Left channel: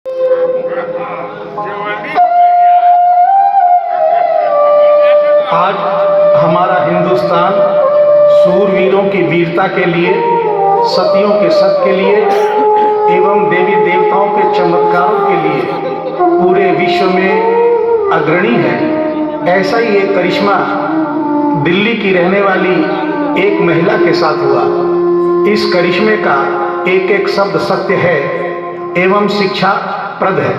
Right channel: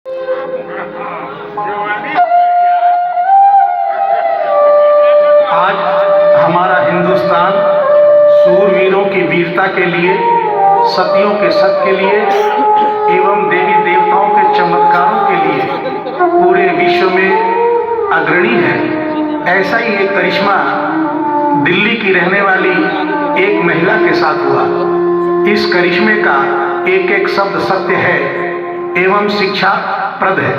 आज हमारा हिंदुस्तान शूरवीरों की वीरता के लिए, सतियों के सत के लिए एवं देवी देवताओं के चमत्कारों के लिए पूरे विश्व में अग्रणी है। ऐसा ही एक करिश्मा दिल्ली की रहने वाली एक महिला के साथ हुआ। इस करिश्मे का एक एक शब्द सत्य है एवं शिक्षा प्रद है।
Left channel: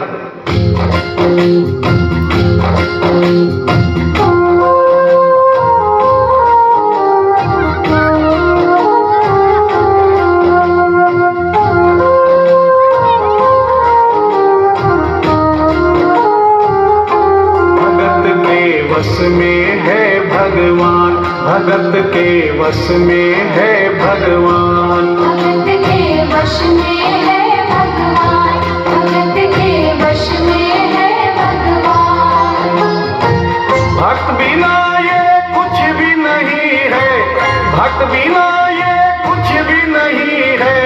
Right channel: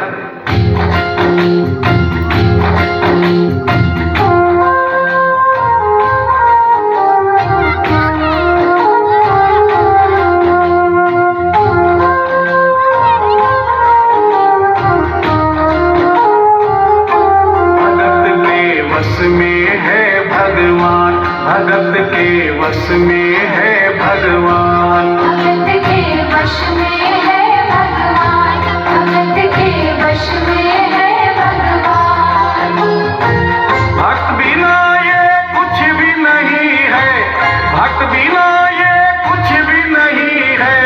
वश में है भगवान, भगत के वश में है भगवान, भगत के वश में है भगवान, भगत के वश में है भगवान। भक्त बिना ये कुछ भी नहीं है, भक्त बिना ये कुछ भी नहीं है,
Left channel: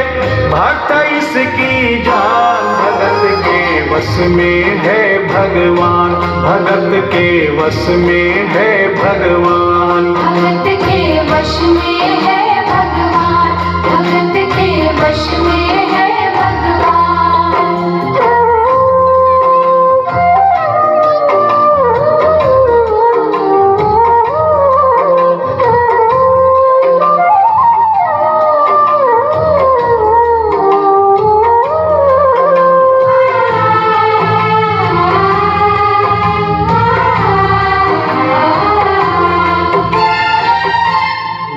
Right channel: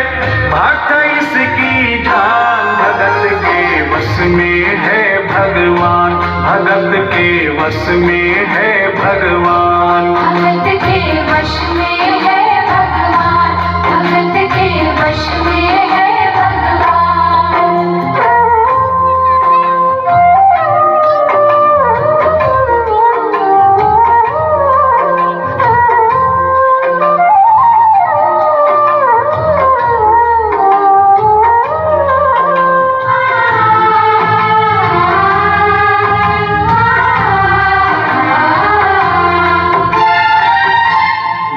भक्त इसकी जान। भगत के वश में है भगवान, भगत के वश में है भगवान, भगत के वश में है भगवान, भगत के वश में है भगवान।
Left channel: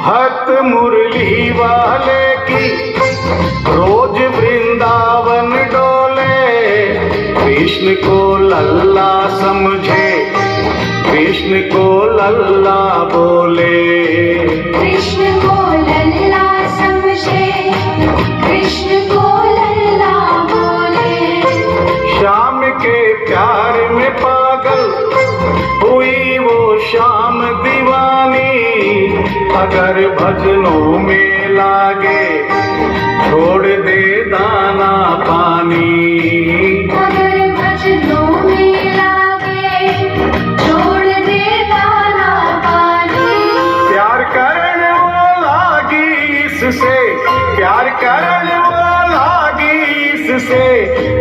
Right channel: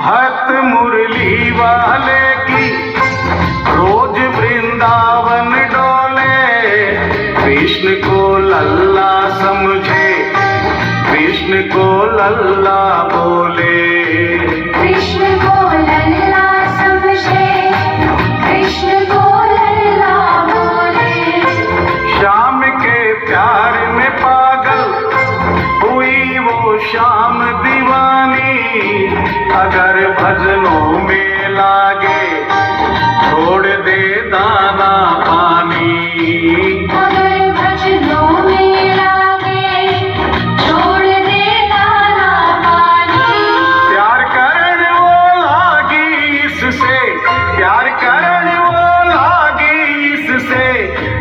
भक्त मुरली वाले की रोज वृंदावन डोले, कृष्ण को लल्ला समझे, कृष्ण को लल्ला बोले, कृष्ण को लल्ला समझे, कृष्ण को लल्ला बोले। श्याम के प्यार में पागल हुई वो श्याम दीवानी, अगर भजनों में लागे छोड़ दे दाना पानी, अगर भजनों में लागे छोड़ दे दाना पानी। प्यार करने वो लागी इससे, प्यार करने वो लागी इससे,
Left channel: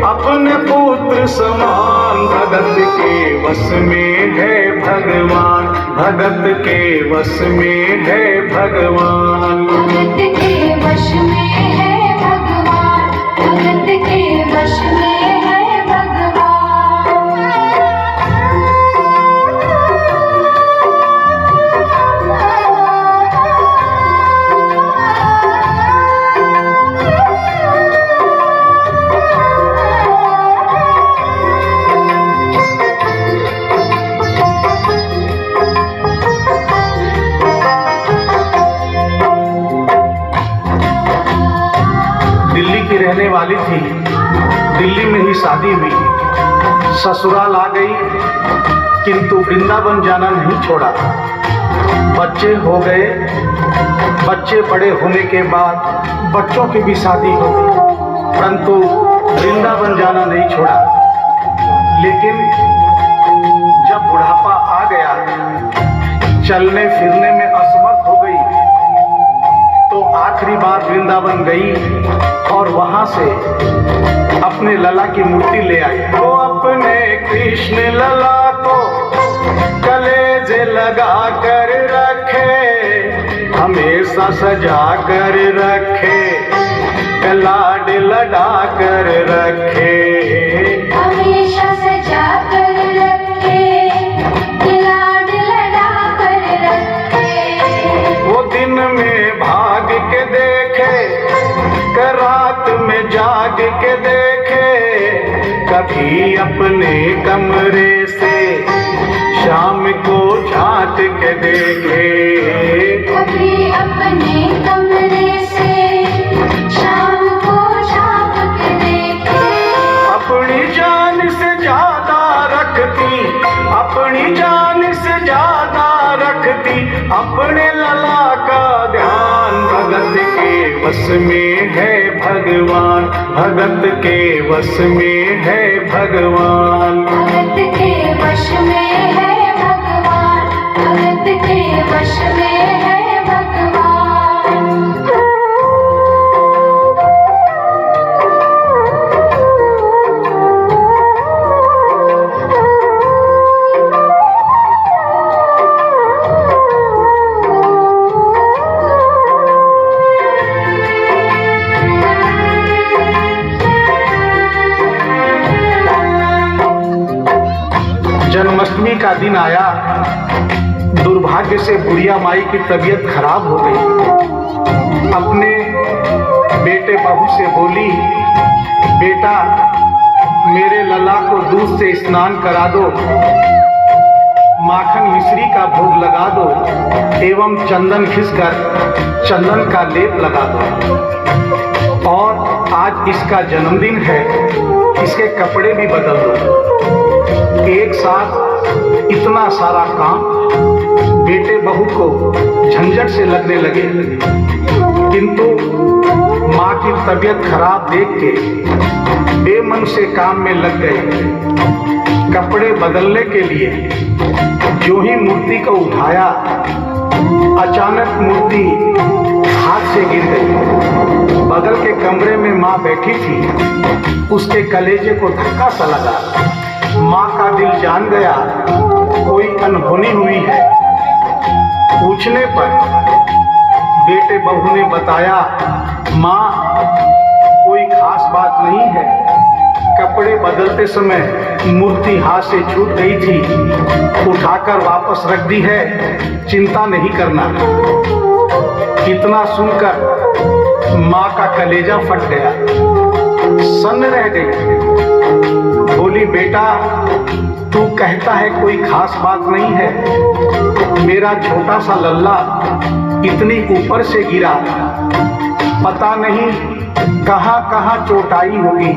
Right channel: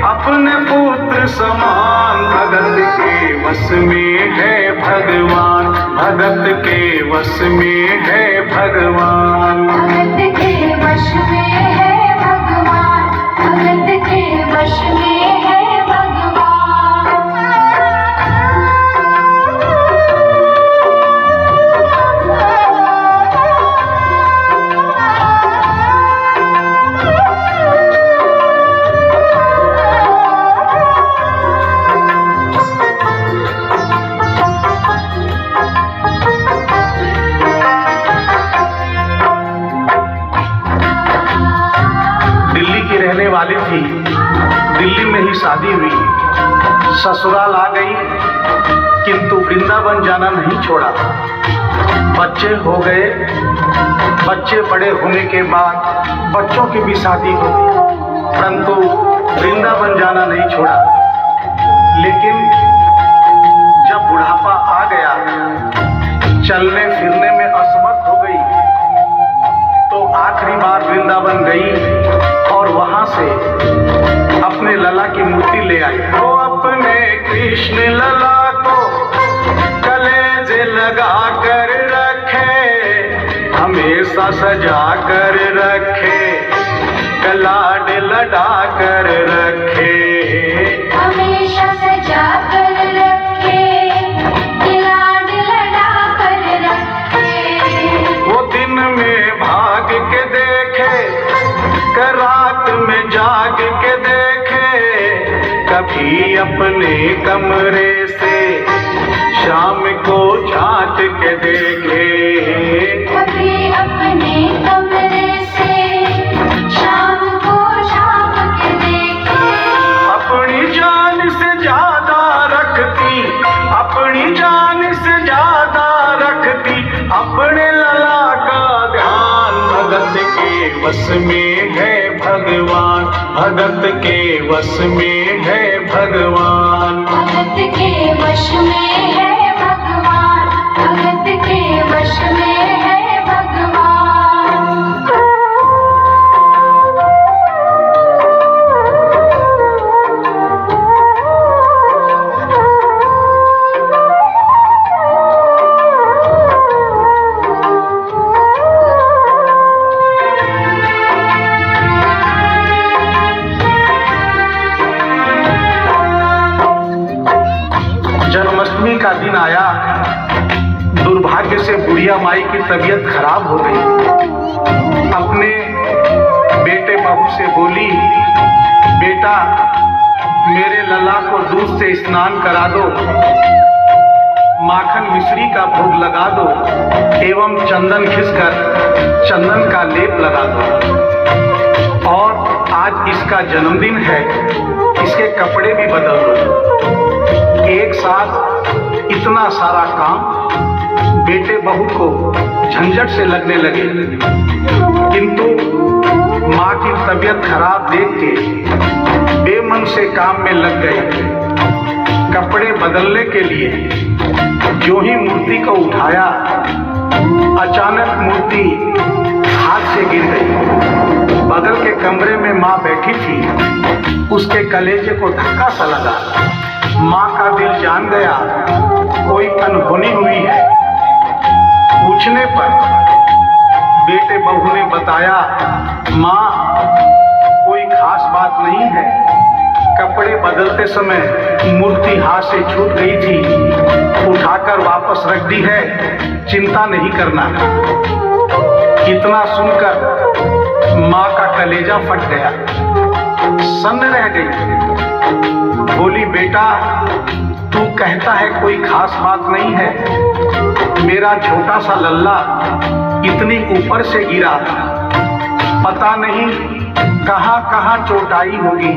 अपने पुत्र समान। भगत के वश में है भगवान, भगत के वश में है भगवान, भगत के वश में है भगवान, भगत के वश में है भगवान। दिल्ली की रहने वाली थी, दिल्ली में ही शादी हुई, ससुराल आ गई किंतु वृंदावन जाना नहीं छोड़ा। बच्चे हो गए, बच्चे बड़े होने के बाद बच्चों की भी शादी हो गई, परंतु वृंदावन जाना नहीं छोड़ा। लेकिन जब बुढ़ापा आ गया, चलने फिरने में असमर्थ हो गई, तो आखिरी बार वृंदावन गई और वहां से अपने लला की मूर्ति ले आई। तो अपने कृष्ण लला को कलेजे लगा कर रखे, हमेशा सजा कर रखे, लाड लड़ा कर रखे, हमेशा सजा कर रखे, लाड लड़ा कर रखे। वो दिन में भाग के देखे, रात में जाग के देखे, कभी अपने कमरे से शाम को झांक के देखे, कभी अपने कमरे से शाम को झांक के देखे। अपनी जान से ज्यादा रखती, अपनी जान से ज्यादा रखती, अपने लला का ध्यान। भगत के वश में है भगवान, भगत के वश में है भगवान। भगत के वश में है भगवान, भगत के वश में है भगवान। जन्माष्टमी का दिन आया, दुर्भाग्य से बुढ़िया माई की तबीयत खराब हो गई। अपने बेटे बहू से बोली, बेटा मेरे लला को दूध से स्नान करा दो, माखन मिश्री का भोग लगा दो एवं चंदन घिसकर चंदन का लेप लगा दो, और आज इसका जन्मदिन है, इसके कपड़े भी बदल दो। एक साथ इतना सारा काम बेटे बहू को झंझट से लगने लगे, किंतु माँ की तबीयत खराब देख के बेमन से काम में लग गए। कपड़े बदलने के लिए जो ही मूर्ति को उठाया, अचानक मूर्ति हाथ से गिर गई। बगल के कमरे में माँ बैठी थी, उसके कलेजे को धक्का सा लगा। माँ का दिल जान गया कोई अनहोनी हुई है। पूछने पर बेटे बहू ने बताया, माँ कोई खास बात नहीं है, कपड़े बदलते समय मूर्ति हाथ से छूट गई थी, उठाकर वापस रख दी है, चिंता नहीं करना। इतना सुनकर माँ का कलेजा फट गया, सन्न रह गई। बोली, बेटा तू कहता है कोई खास बात नहीं है, मेरा छोटा सा लल्ला इतनी ऊपर से गिरा, पता नहीं कहाँ कहाँ चोटाई होगी,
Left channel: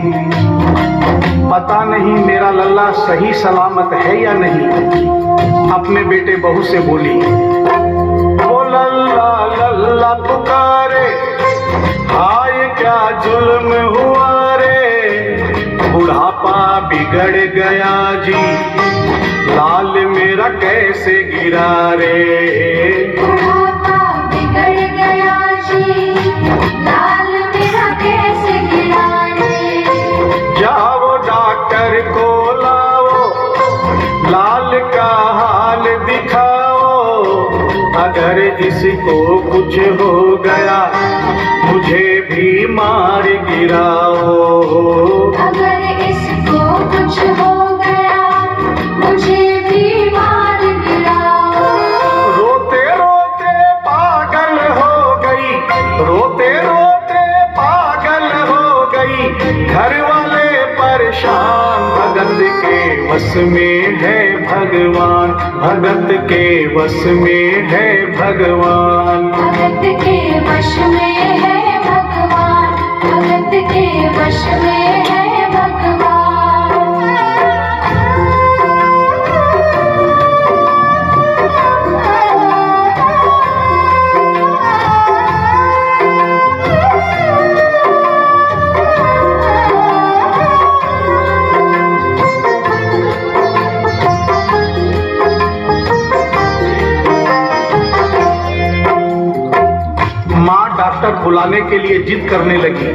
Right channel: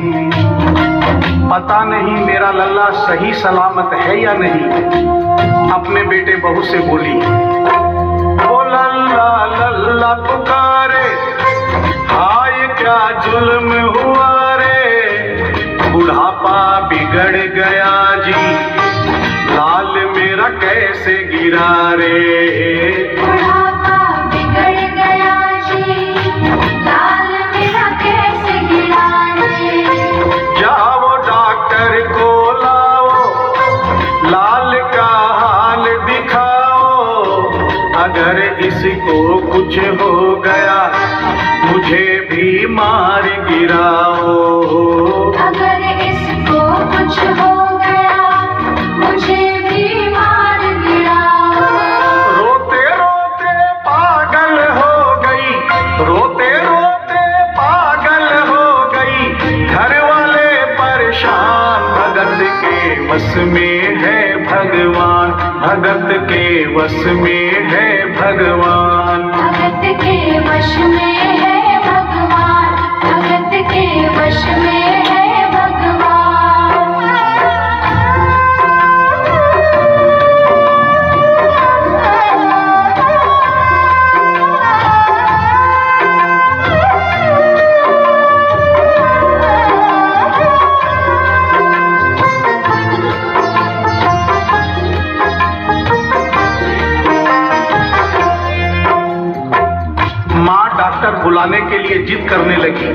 पता नहीं मेरा लल्ला सही सलामत है या नहीं। अपने बेटे बहू से बोली, वो लल्ला लल्ला पुकारे, हाय क्या जुल्म हुआ रे, बुढ़ापा बिगड़ गया जी, लाल मेरा कैसे गिरा रे। बुढ़ापा बिगड़ गया जी, लाल मेरा कैसे गिरा रे। जाओ डॉक्टर को लाओ, लाल का हाल दिखाओ, अगर इसको कुछ हो गया मुझे भी मार गिराओ। अगर इसको कुछ हो गया मुझे भी मार गिराओ। रोते रोते पागल हो गई, रोते रोते पागल हो गई, घर वाले परेशान। भगत के वश में है भगवान, भगत के वश में है भगवान। भगत के वश में है भगवान, भगत के वश में है भगवान। माँ डॉक्टर बुलाने के लिए जिद करने लगी।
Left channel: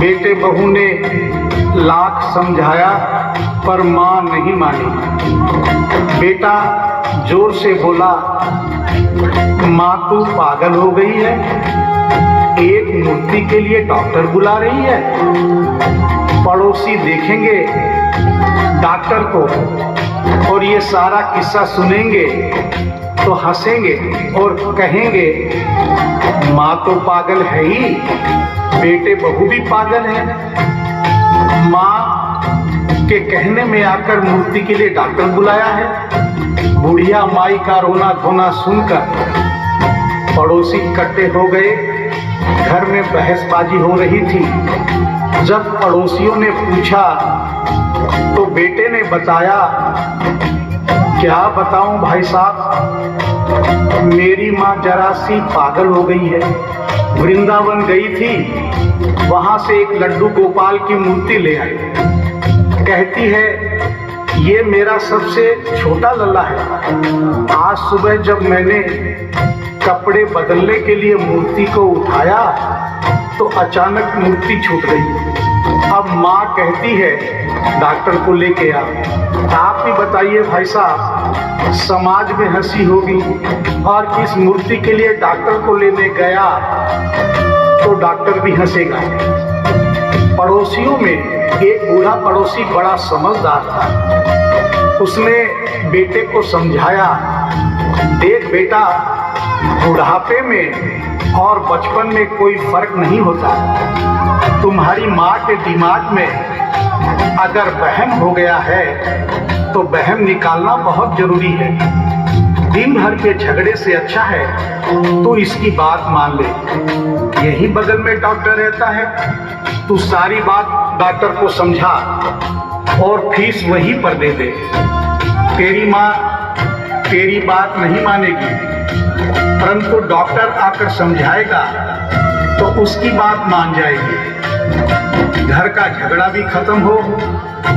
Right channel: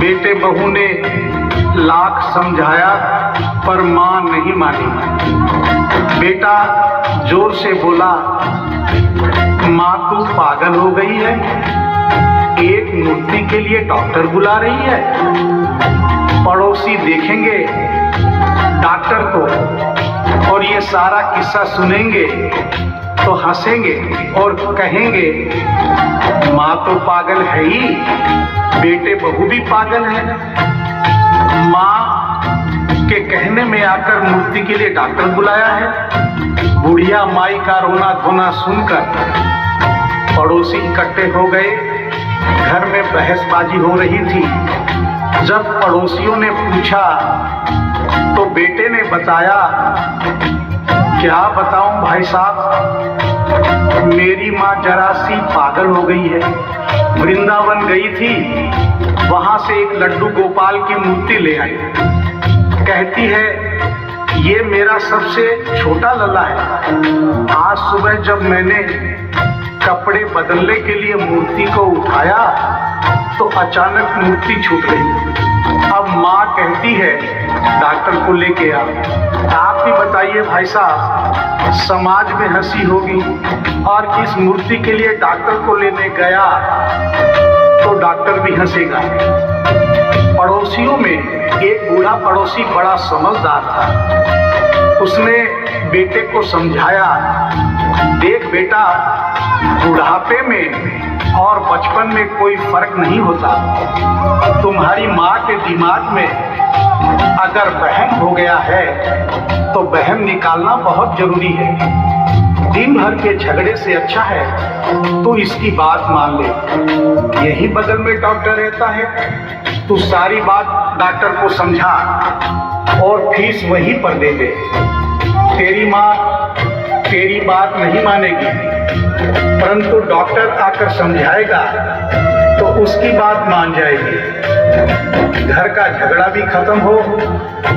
बेटे बहू ने लाख समझाया पर माँ नहीं मानी। बेटा जोर से बोला, माँ तू पागल हो गई है, एक मूर्ति के लिए डॉक्टर बुला रही है। पड़ोसी देखेंगे डॉक्टर को और ये सारा किस्सा सुनेंगे तो हंसेंगे और कहेंगे माँ तो पागल है ही, बेटे बहू भी पागल है। माँ के कहने में आकर मूर्ति के लिए डॉक्टर बुलाया है। बुढ़िया माई का रोना धोना सुनकर पड़ोसी इकट्ठे हो गए। घर में बहसबाजी हो रही थी। जब पड़ोसियों ने पूछा तो बेटे ने बताया, क्या बताऊं भाई साहब, मेरी माँ जरा सी पागल हो गई है। वृंदावन गई थी, वहां से एक लड्डू गोपाल की मूर्ति ले आई। कहती है ये मेरा सबसे छोटा लल्ला है। आज सुबह जब मैंने कपड़े बदलने के लिए मूर्ति को उठाया तो अचानक मूर्ति छूट गई। अब माँ कहती है डॉक्टर को लेके आओ। आप ही बताइए भाई साहब, समाज में हंसी होगी और इस मूर्ति के लिए डॉक्टर को लेने गया तो डॉक्टर भी हंसेगा। पड़ोसियों में एक बूढ़ा पड़ोसी बड़ा समझदार था। उसने बेटे को समझाया, देख बेटा, बुढ़ापे में और बचपन में कोई फर्क नहीं होता। तुम्हारी माँ के दिमाग में अगर वहम हो गया है तो वहम निकालना बहुत जरूरी है। दिन भर के झगड़े से अच्छा है तू इसकी बात मान ले। यही बगल में डॉक्टर रहता है, तू सारी बात डॉक्टर को समझा और फीस वहीं पर दे दे। तेरी माँ तेरी बात नहीं मानेगी, परंतु डॉक्टर आकर समझाएगा तो उसकी बात मान जाएगी। घर का झगड़ा भी खत्म हो,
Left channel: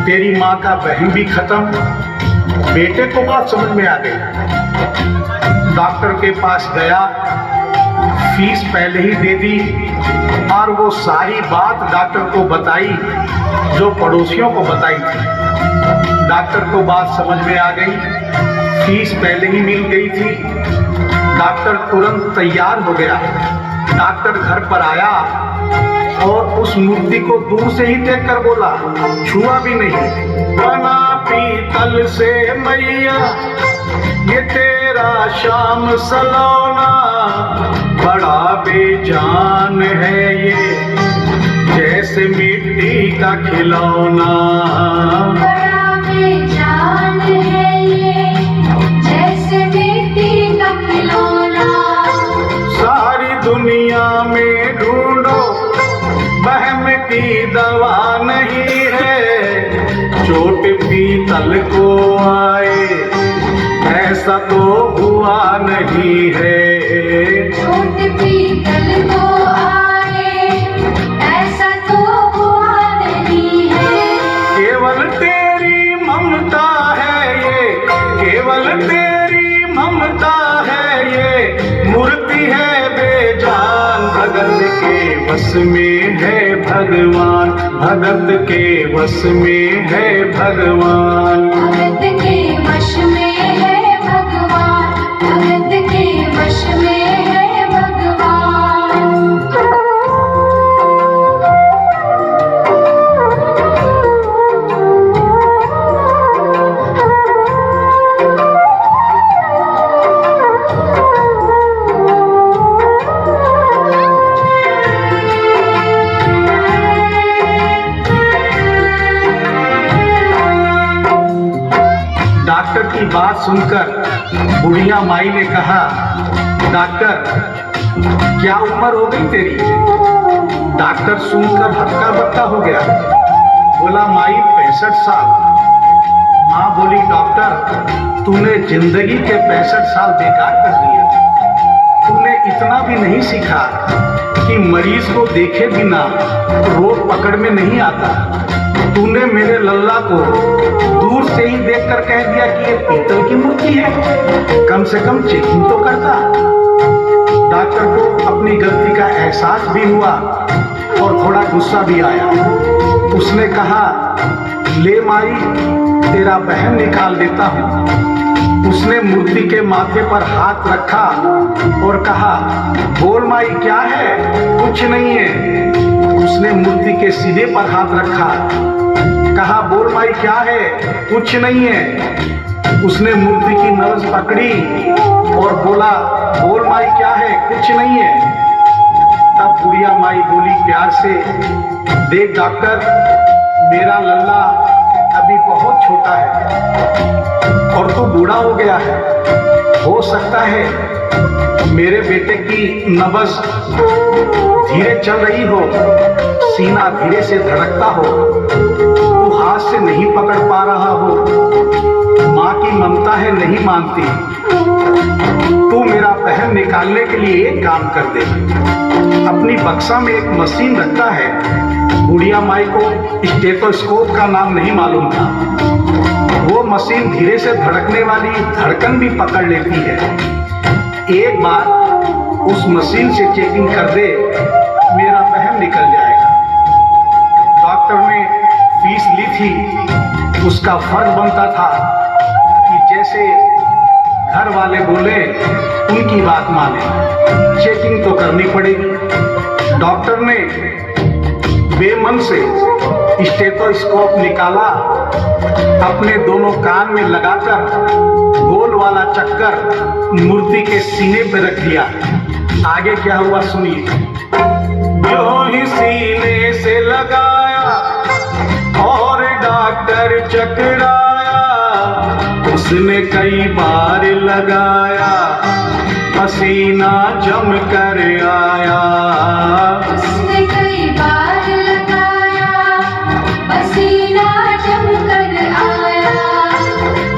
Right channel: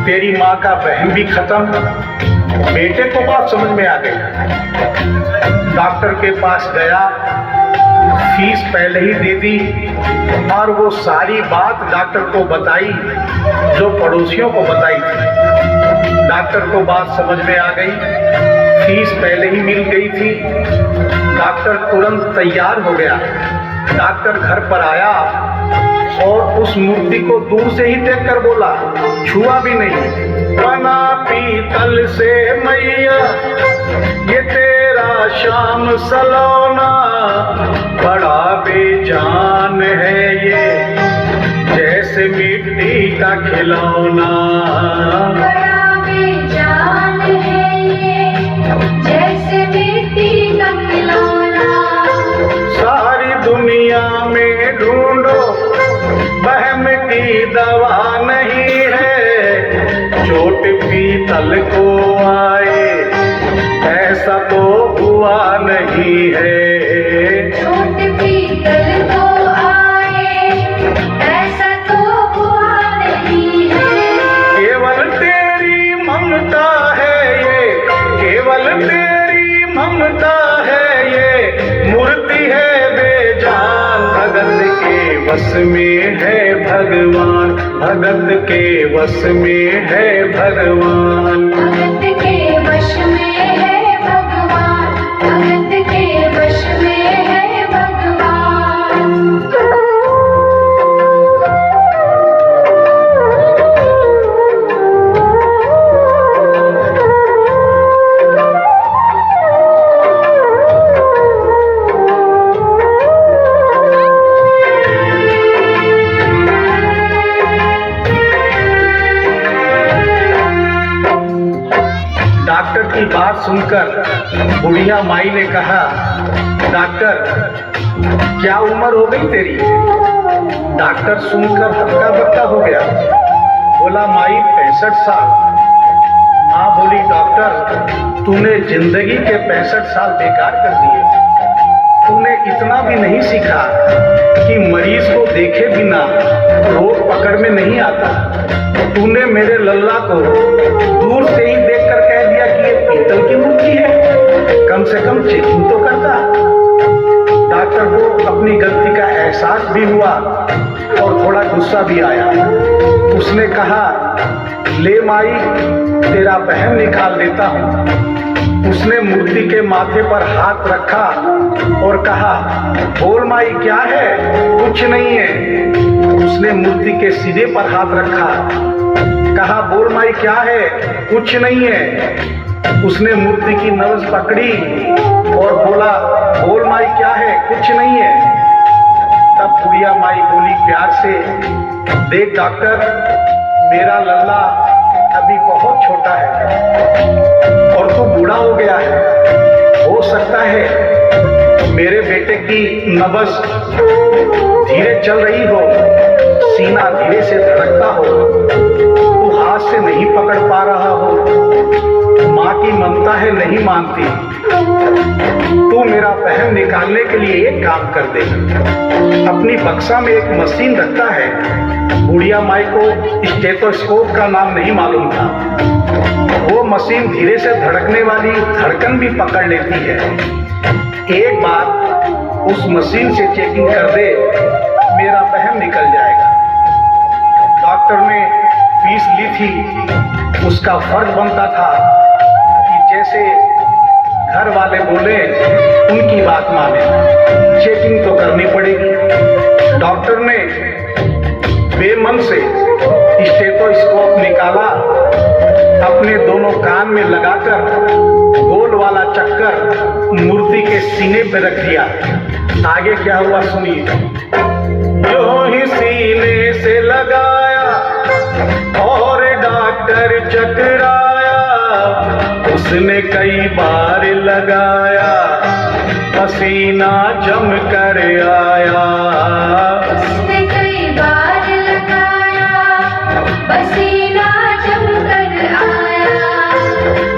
तेरी माँ का वहम भी खत्म। बेटे को बात समझ में आ गई। डॉक्टर के पास गया, फीस पहले ही दे दी और वो सारी बात डॉक्टर को बताई जो पड़ोसियों को बताई थी। डॉक्टर को बात समझ में आ गई, फीस पहले ही मिल गई थी। डॉक्टर तुरंत तैयार हो गया। डॉक्टर घर पर आया और उस मूर्ति को दूर से ही देखकर बोला, छुआ भी नहीं। बना पीतल से मैया ये तेरा शाम सलोना, बड़ा बेजान है ये जैसे मिट्टी का खिलौना। बड़ा बेजान है ये जैसे मिट्टी का खिलौना। सारी दुनिया में ढूंढो वहम की दवा नहीं है, चोट पीतल को आए ऐसा तो हुआ नहीं है। चोट पीतल को आए ऐसा तो हुआ नहीं है। केवल तेरी ममता है ये, केवल तेरी ममता है ये, मूर्ति है बेजान। भगत के वश में है भगवान, भगत के वश में है भगवान। भगत के वश में है भगवान, भगत के वश में है भगवान। डॉक्टर की बात सुनकर बुढ़िया माई ने कहा, डॉक्टर क्या उम्र हो गई तेरी? डॉक्टर सुनकर हक्का बक्का हो गया। बोला माई 65 साल। माँ बोली डॉक्टर तूने जिंदगी के 65 साल बेकार कर दिए। तूने इतना भी नहीं सीखा कि मरीज को देखे बिना रोग पकड़ में नहीं आता। तूने मेरे लल्ला को दूर से ही देखकर कह दिया कि ये पीतल की मूर्ति है, कम से कम चेकिंग तो करता। डॉक्टर को अपनी गलती का एहसास भी हुआ और थोड़ा गुस्सा भी आया। उसने कहा ले माई तेरा वहम निकाल देता हूँ। उसने मूर्ति के माथे पर हाथ रखा और कहा बोल माई क्या है? कुछ नहीं है। उसने मूर्ति के सीने पर हाथ रखा, कहा बोल माई क्या है? कुछ नहीं है। उसने मूर्ति की नब्ज पकड़ी और बोला बोल माई क्या है? कुछ नहीं है। तब बुढ़िया माई बोली प्यार से, देख डॉक्टर मेरा लल्ला अभी बहुत छोटा है और तू बूढ़ा हो गया है। हो सकता है मेरे बेटे की नब्ज धीरे चल रही हो, सीना धीरे से धड़कता हो, तू हाथ से नहीं पकड़ पा रहा हो, माँ की ममता है नहीं मानती। तेरा वहम निकालने के लिए एक काम कर दे। अपनी बक्सा में एक मशीन रखता है। बुढ़िया माई को स्टेथोस्कोप का नाम नहीं मालूम था। वो मशीन धीरे से धड़कने वाली धड़कन भी पकड़ लेती है। एक बार उस मशीन से चेकिंग कर दे, मेरा वहम निकल जाएगा। डॉक्टर ने फीस ली थी, उसका फर्ज बनता था कि जैसे घर वाले बोले उनकी बात माने। चेकिंग तो करनी पड़ेगी। डॉक्टर ने बेमन से स्टेथोस्कोप निकाला, अपने दोनों कान में लगाकर गोल वाला चक्कर मूर्ति के सीने पे रख दिया। आगे क्या हुआ सुनिए। जो ही सीने से लगाया और डॉक्टर चकराया, उसने कई बार लगाया, पसीना जम कर आया। उसने कई बार लगाया, पसीना जम कर आया।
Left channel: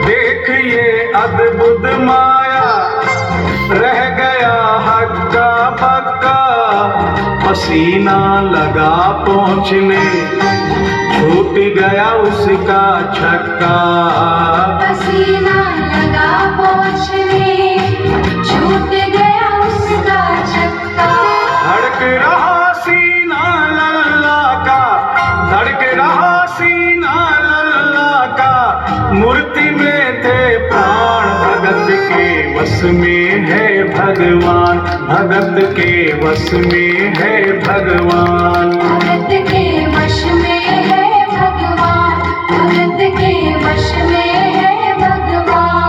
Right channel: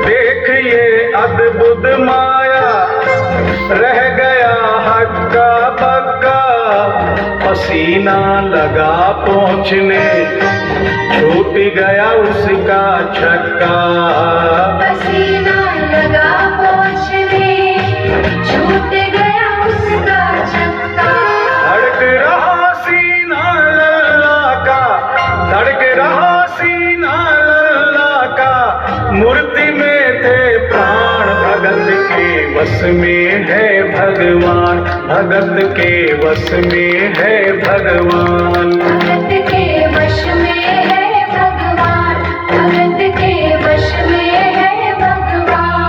देख ये अद्भुत माया, रह गया हक्का बक्का, पसीना लगा पहुँचने, छूट गया उसका छक्का। पसीना लगा पहुँचने, छूट गया उसका छक्का। धड़क रहा सीना लल्ला का, धड़क रहा सीना लल्ला का, मूर्ति में थे प्राण, भगत के वश में है भगवान, भगत के वश में है भगवान। भगत के वश में है भगवान, भगत के वश में है भगवान।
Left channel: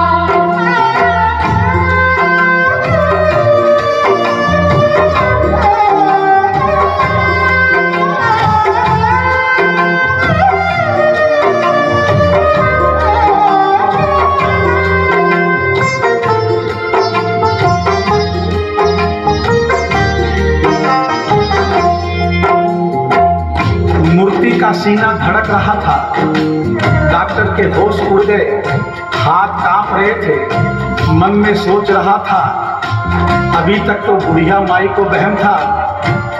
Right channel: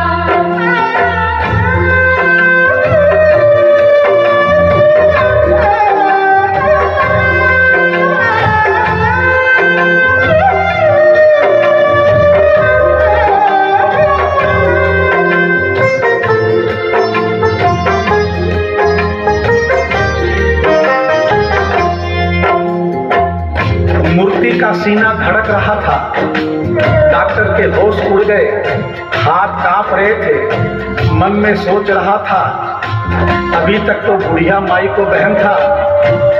मूर्ति का सीना धड़क रहा था। डॉक्टर के होश उड़ गए, हाथ कांप रहे थे। मन में सोच रहा था, अभी तक तो बुढ़िया माई को वहम था,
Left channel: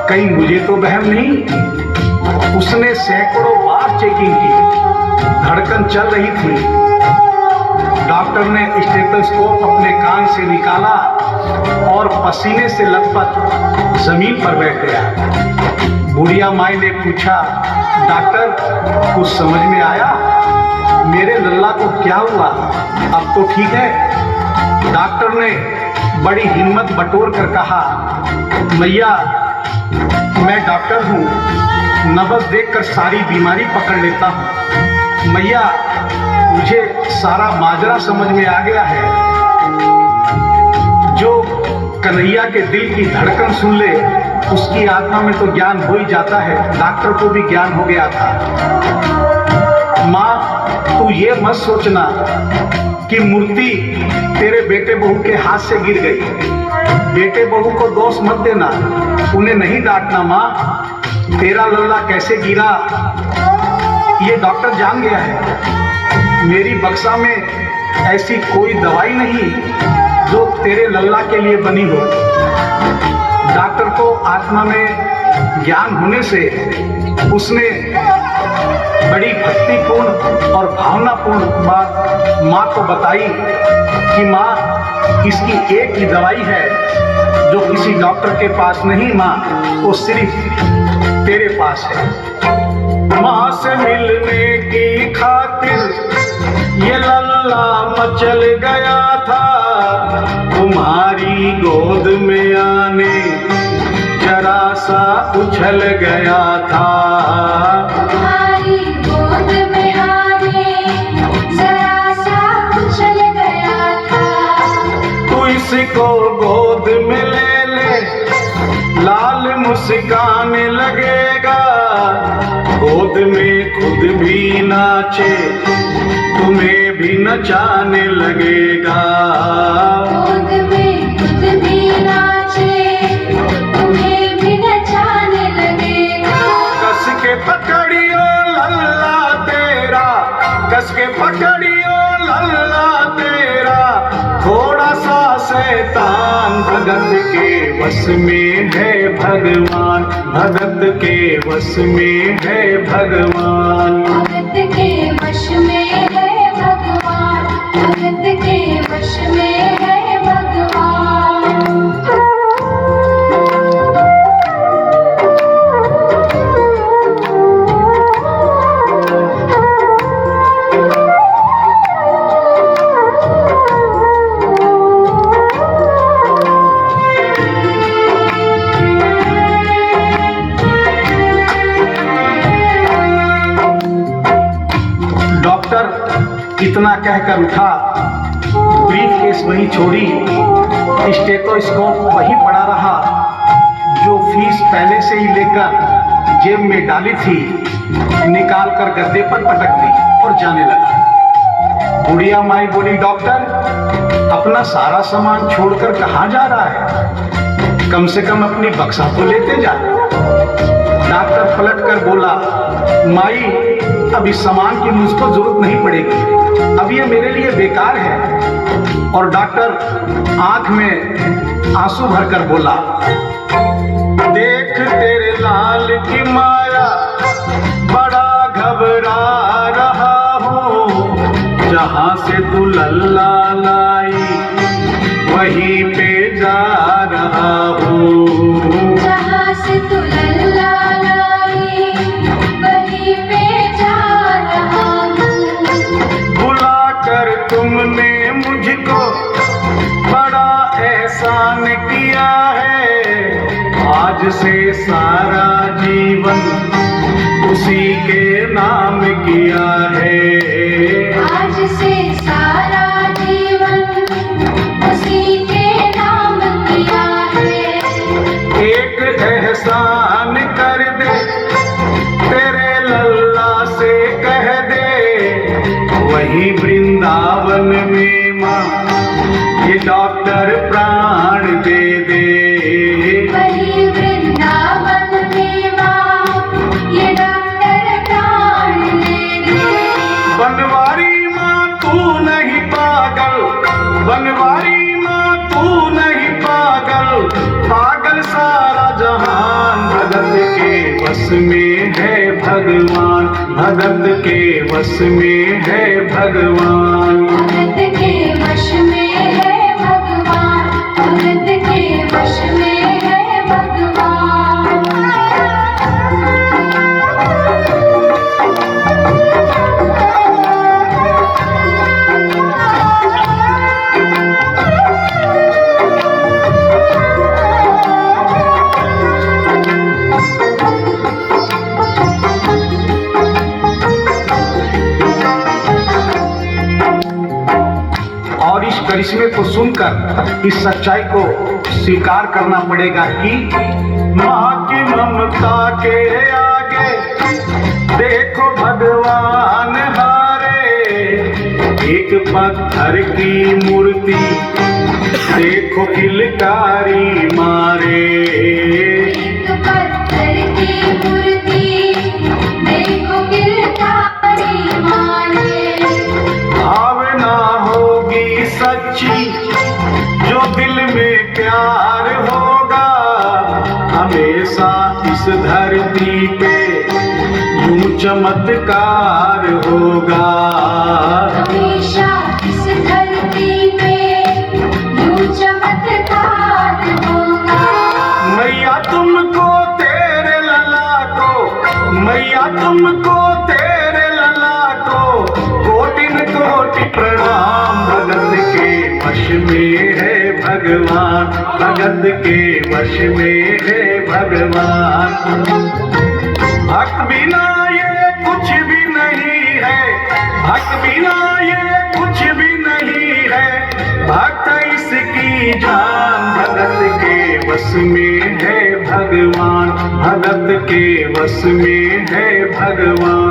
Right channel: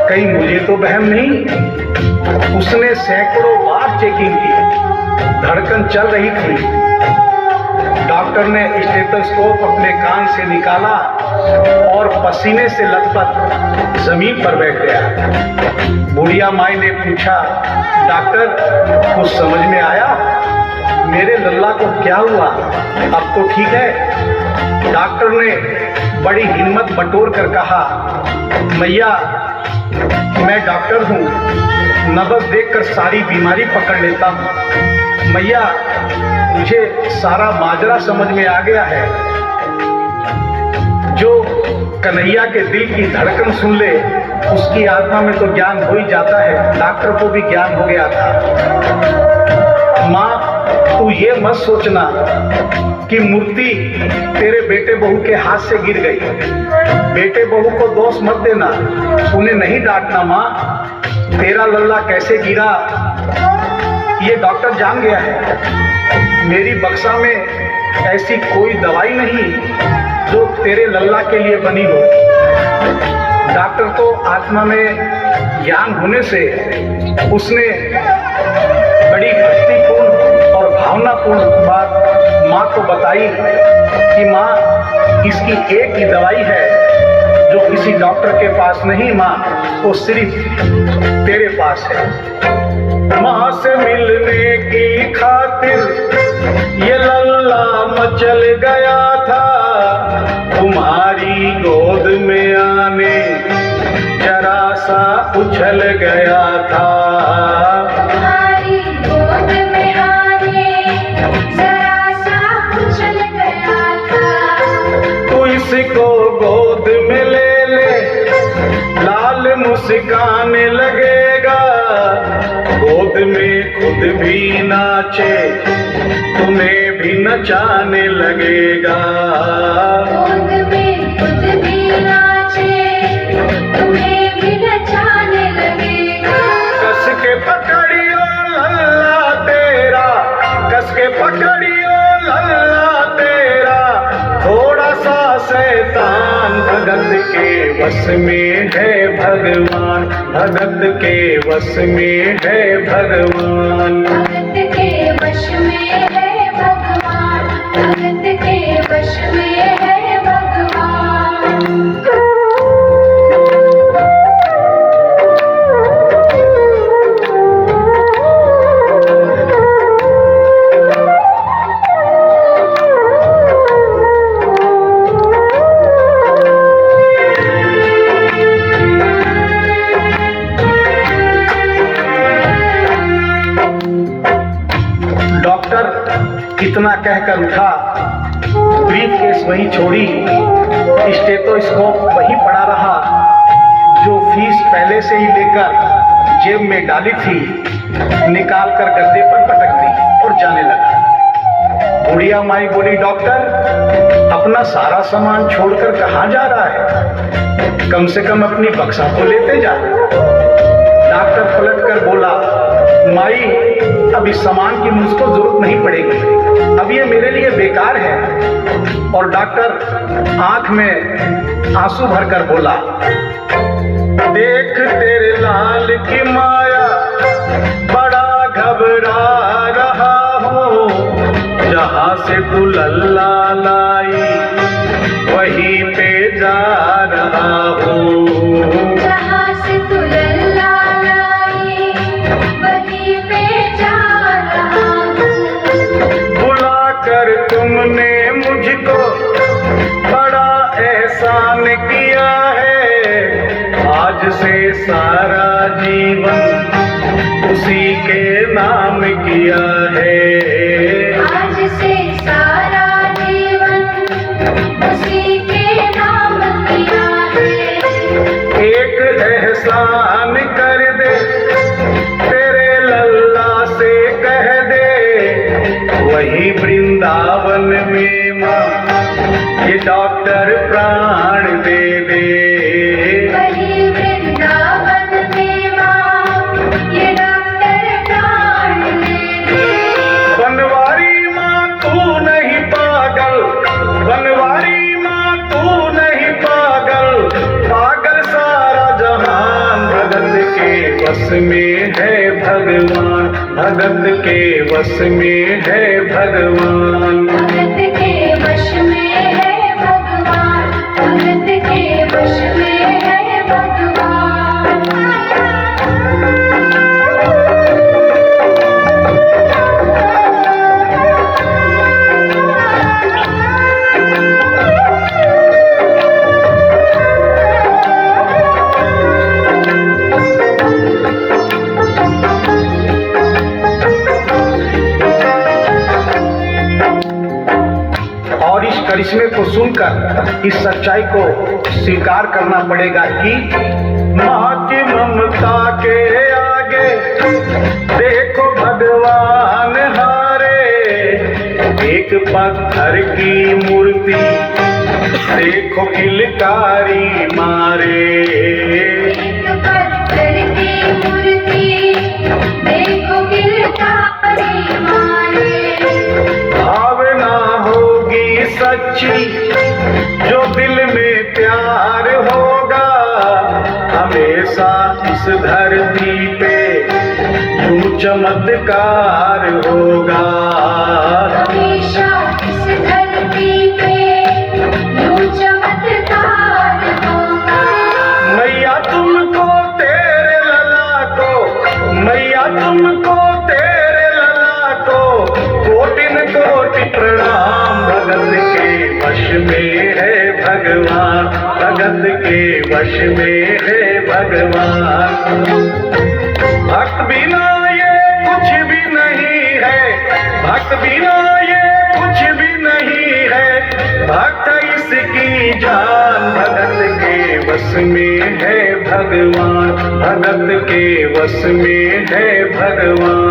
कहीं मुझे तो वहम नहीं। उसने सैकड़ों बार चेकिंग की, धड़कन चल रही थी। डॉक्टर ने स्टेथोस्कोप अपने कान से निकाला और पसीने से लथपथ जमीन पर बैठ गया। बुढ़िया माई ने पूछा, डॉक्टर कुछ समझ में आया? मेरे लल्ला को क्या हुआ? अब तो ठीक है। डॉक्टर ने बड़ी हिम्मत बटोर कर कहा, मैया मैं डॉक्टर हूँ, नब्ज देखकर सारी बीमारी पकड़ लेता हूँ। मैया मुझे सारा माजरा समझ में आ गया है। जो कन्हैया के दिल की धड़कन सुन ले, उसकी आत्मा में तो ज्ञान हो ही जाता है। डॉक्टर को भी ज्ञान हो गया था। माँ तू ये मत सोचना कि मूर्ति तेरे बेटे बहू के हाथ से गिर गई। बेटे बहू को दोष मत देना, उन्हें नहीं डांटना। माँ तेरा लल्ला कैसे गिरा ये डॉक्टर जान गया है। मेरी बक्सा में ऐसी कोई दवाई नहीं जो तेरे लल्ला के लिए बनी हो। डॉक्टर को आत्मा में ज्ञान होने से उसने बड़ी भक्तिपूर्ण और भावनापूर्ण बात माँ को बताई कि माँ इसकी एक ही दवाई है जो किसी डॉक्टर के पास नहीं, माँ वो सिर्फ तेरे पास है। माँ से मिलने की खातिर ये लल्ला मचल गया था, तुम्हारी गोद में आने जरा सा उछल गया था। तुम्हारी गोद में आने जरा सा उछल गया था। तू इसको गोद में ले ले, लाल मुस्काने लगेगा। गोद में खुद भी नाचे, तुम्हें भी नचाने लगेगा। गोद में खुद भी नाचे, तुम्हें भी नचाने लगेगा। कस के पकड़ियो लल्ला तेरा, कस के पकड़ियो लल्ला तेरा, थोड़ा सा शैतान के वश में है भगवान, भगत के वश में है भगवान। भगत के वश में है भगवान, भगत के वश में है भगवान। डॉक्टर इतना कहकर उठा, ब्रीफ केस वही छोड़ी, स्टेथोस्कोप वही पड़ा रहा जो फीस पहले से ही लेकर जेब में डाली थी, निकाल कर गद्दे पर पटक दी और जाने लगा। बुढ़िया माई बोली, डॉक्टर अपना सारा सामान छोड़कर कहाँ जा रहा है? कम से कम अपनी बक्सा तो लेते जा। डॉक्टर पलट कर बोला, माई अब इस सामान की मुझको जरूरत नहीं पड़ेगी, अब ये मेरे लिए बेकार है। और डॉक्टर आंख में आंसू भरकर बोला, देख तेरे लाल की माया बड़ा घबरा रहा हूँ, जहाँ से तू लल्ला लाई वहीं पे जा रहा हूँ। जहाँ से तू लल्ला लाई वहीं पे जा रहा हूँ। बुला कर तुमने मुझको बड़ा एहसान किया है, आज से सारा जीवन उसी के नाम किया है। आज से सारा जीवन उसी के नाम किया है। एक एहसान कर दे, तेरे लल्ला से कह दे, वही वृंदावन में माँ ये डॉक्टर प्राण दे दे। वही वृंदावन में माँ ये डॉक्टर प्राण दे दे। बनवारी माँ तू नहीं पागल, बनवारी माँ तू नहीं पागल, पागल सारा जहान। भगत के वश में है भगवान, भगत के वश में है भगवान। भगत के वश में है भगवान, भगत के वश में है भगवान। और इस करिश्मे को सुनकर इस सच्चाई को स्वीकार करना पड़ेगा कि माँ की ममता के आगे देखो भगवान हारे। एक पत्थर की मूर्ति देखो किलकारी मारे। एक पत्थर की मूर्ति देखो किलकारी मारे। भावना होगी सच्ची जो दिल में प्यार होगा, हमेशा इस धरती पे यूं चमत्कार होगा। हमेशा इस धरती पे यूं चमत्कार होगा। मैया तुमको तेरे लला को, मैया तुमको तेरे लला को कोटिन कोटि प्रणाम। भगत के वश में है भगवान, भगत के वश में है भगवान। भक्त बिना ये कुछ भी नहीं है, भक्त बिना ये कुछ भी नहीं है, भक्त इसकी जान। भगत के वश में है भगवान, भगत के वश में है भगवान।